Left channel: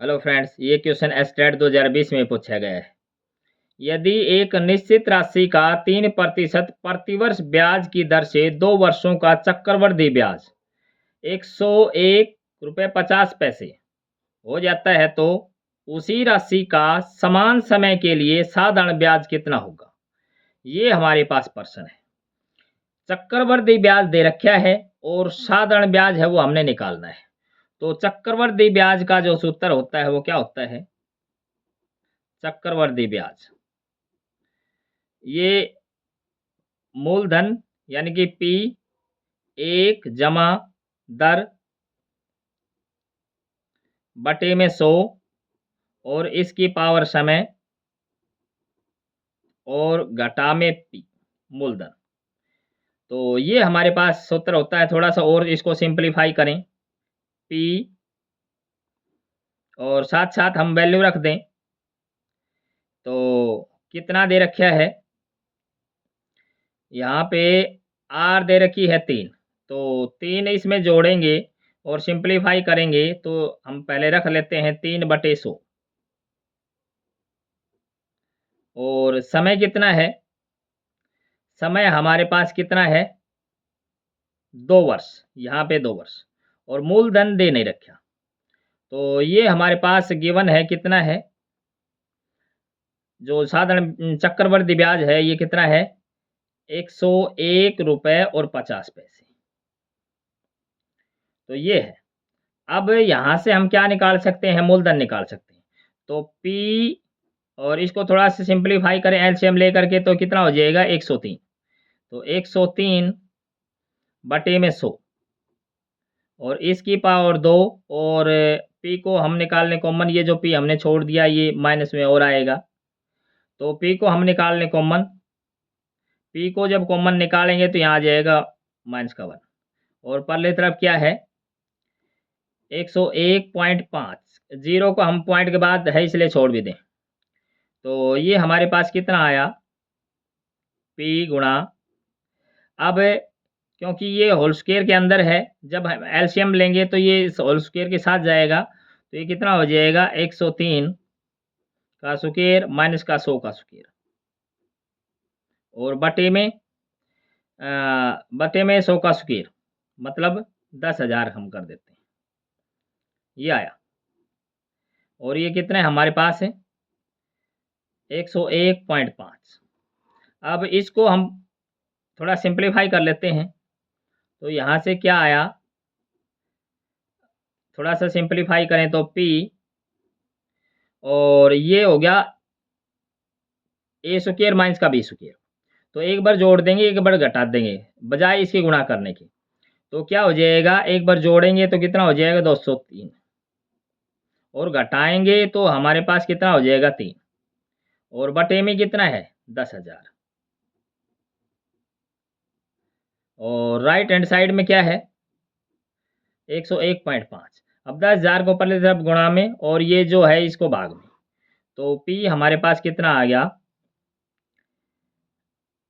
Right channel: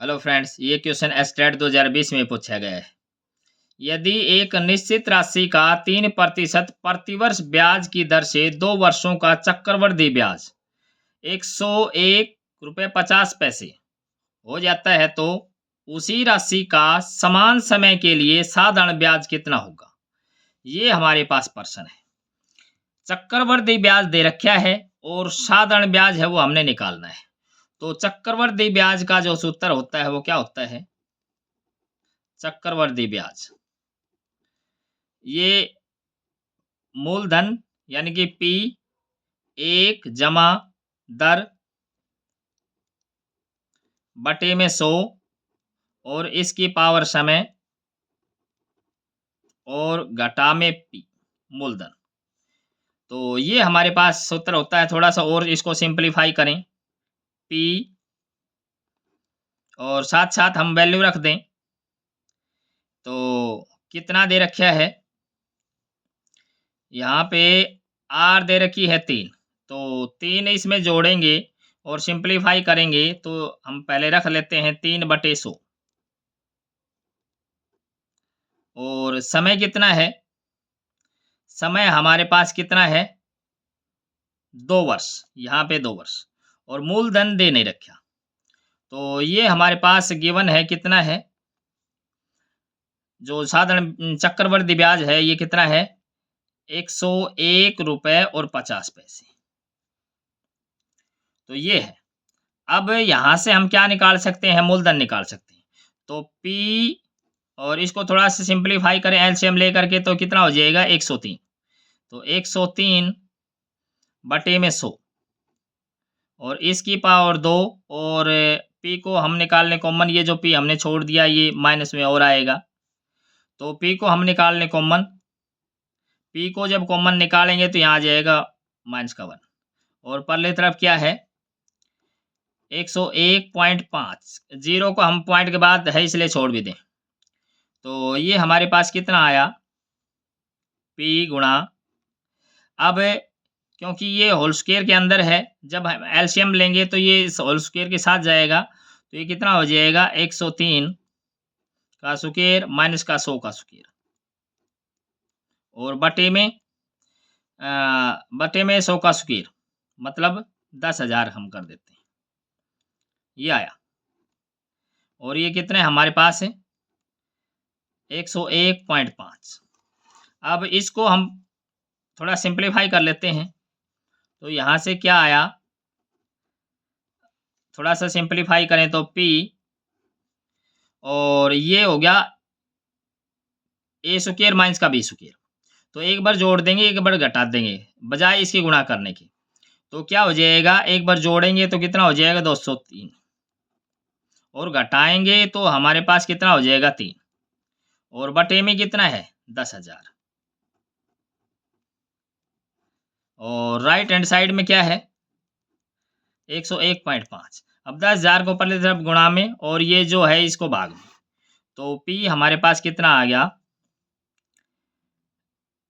Hello friends, ये question estate 2020 में पूछा गया है। यदि एक निश्चित राशि का 3% प्रतिवर्ष ब्याज की दर से 2 वर्षों का चक्रवृद्धि ब्याज 101 रुपये 50 पैसे हो जाता है, तो उसी राशि का समान समय के लिए साधारण ब्याज कितना होगा? ये हमारे पास प्रश्न है। चक्रवृद्धि ब्याज दे रखा है और साधारण ब्याज है वो हमने निकालना है। तो चक्रवृद्धि ब्याज का जो सूत्र होता है वो क्या होता है? चक्रवृद्धि ब्याज ये मूलधन यानी कि पी एक जमा दर बटे में 100 और इसकी पावर समय और घटा में पी मूलधन। तो ये हमारे पास सूत्र होता है। थोड़ा सा और इसको सिंपलीफाई करें, पी और साथ साथ हम वैल्यू रख दें। तो कितना दे रखा है? यहाँ पे आर दे रखी है 3, तो 3 इसमें जोड़ेंगे और सिंपलीफाई करेंगे तो हम पहले रख लेते हैं 3/100। और समय कितना है? समय हमारे पास कितना है? 2 वर्ष, यहाँ पे 2 वर्ष। और मूलधन दे नहीं रखा, तो ये हमारे पास गिवन है। कितना है? जो साधारण चक्रवृद्धि ब्याज है ये कितना है? 101 रुपये 50 पैसे। तो ये है। अब यहाँ से हम क्या निकाल सकते हैं? मूलधन निकाल सकते हैं। तो P और इसको थोड़ा सा सिंपलीफाई करें एलसीएम लेकर के, तो कितना हो जाएगा? 103। तो 103 बटे में 100 और इसकी पावर 2 और P को हम निकाल लें कॉमन। ये जो P हमने छोड़ दिया ये माइनस में और आएगा, तो P को हम निकाल लें कॉमन। P को जब कॉमन निकालेंगे तो यहाँ आ जाएगा -1 और परले तरफ क्या है? 101.5। जीरो को हम पॉइंट के बाद है इसलिए छोड़ भी दें। तो ये हमारे पास कितना आया? P गुणा, अब क्योंकि ये होल स्क्वायर के अंदर है, जब हम एलसीएम लेंगे तो ये इस होल स्क्वायर के साथ जाएगा, तो ये कितना हो जाएगा? 103 का स्क्वायर माइनस का 100 का स्क्वायर और बटे में 100 का स्क्वायर, मतलब 10,000 हम कर देते हैं। ये आया। और ये कितने हमारे पास है? 101.5। अब इसको हम थोड़ा सिंपलीफाई कर लेते हैं। तो यहाँ से क्या आया? थोड़ा सा सिंपलीफाई करें तो P और ये हो गया ए स्क्वायर माइनस का बी स्क्वायर। तो एक बार जोड़ देंगे, एक बार घटा देंगे, बजाय इसके गुणा करने के। तो क्या हो जाएगा? एक बार जोड़ेंगे तो कितना हो जाएगा? 203 और घटाएंगे तो हमारे पास कितना हो जाएगा? 3 और बटे में कितना है? 10,000 और राइट हैंड साइड में क्या है? 101.5। अब 10,000 को पहले तरफ गुणा में और ये जो है इसको भाग में, तो P हमारे पास कितना आ गया?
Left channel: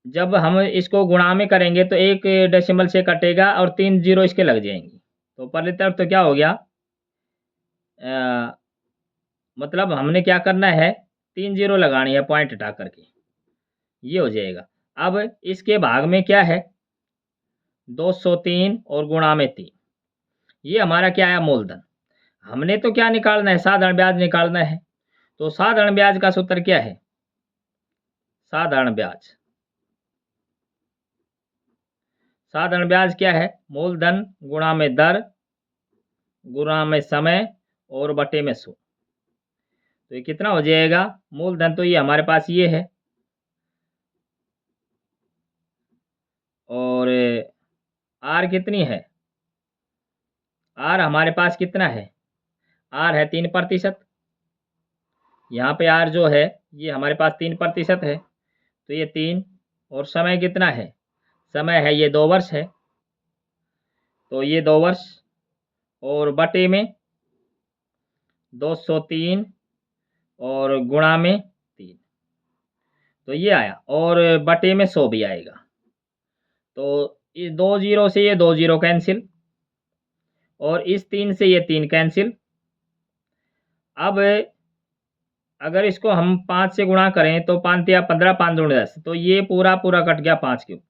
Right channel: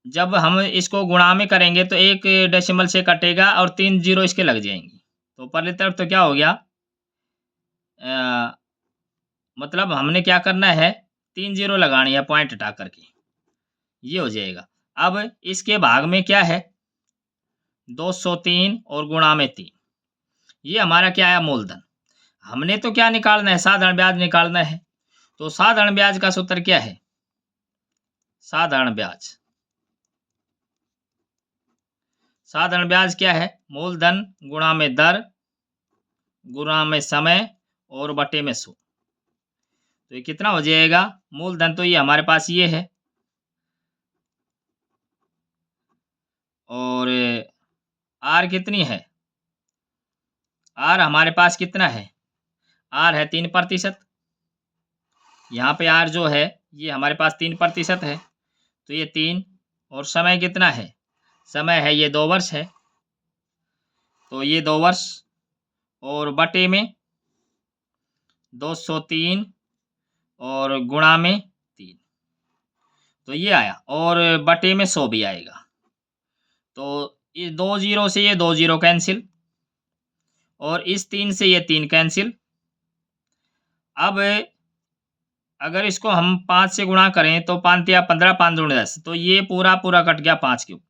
जब हम इसको गुणा में करेंगे तो एक डेसिमल से कटेगा और 3 जीरो इसके लग जाएंगे। तो पहली तरफ तो क्या हो गया? मतलब हमने क्या करना है? 3 जीरो लगानी है पॉइंट हटा करके, ये हो जाएगा। अब इसके भाग में क्या है? 203 और गुणा में 3। ये हमारा क्या है? मूलधन। हमने तो क्या निकालना है? साधारण ब्याज निकालना है। तो साधारण ब्याज का सूत्र क्या है? साधारण ब्याज क्या है? मूलधन गुणा में दर गुणा में समय और बटे में 100। तो ये कितना हो जाएगा? मूलधन तो ये हमारे पास ये है और आर कितनी है? आर हमारे पास कितना है? आर है 3%। यहाँ पे आर जो है ये हमारे पास 3% है, तो ये 3 और समय कितना है? समय है ये 2 वर्ष है, तो ये 2 वर्ष और बटे में 203 और गुणा में 3, तो ये आया और बटे में 100 भी आएगा। तो इस 2 जीरो से ये 2 जीरो कैंसिल और इस 3 से ये 3 कैंसिल। अब अगर इसको हम 5 से गुणा करें तो 5 तिया 15, 5 दूनी 10, तो ये पूरा कट गया 5 के ऊपर।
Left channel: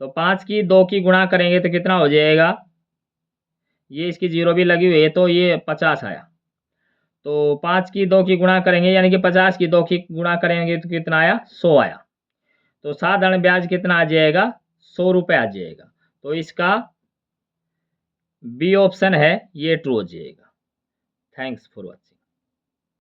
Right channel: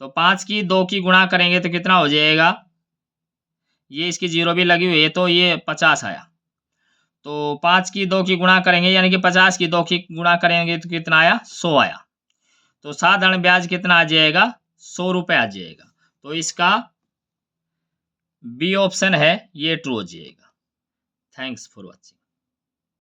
तो 5 की 2 की गुणा करेंगे तो कितना हो जाएगा? ये इसकी 0 भी लगी हुई है तो ये 50 आया। तो 5 की 2 की गुणा करेंगे यानी कि 50 की 2 की गुणा करेंगे तो कितना आया? 100 आया। तो साधारण ब्याज कितना आ जाएगा? 100 रुपये आ जाएगा। तो इसका बी ऑप्शन है ये ट्रू हो जाएगा। Thanks for watching.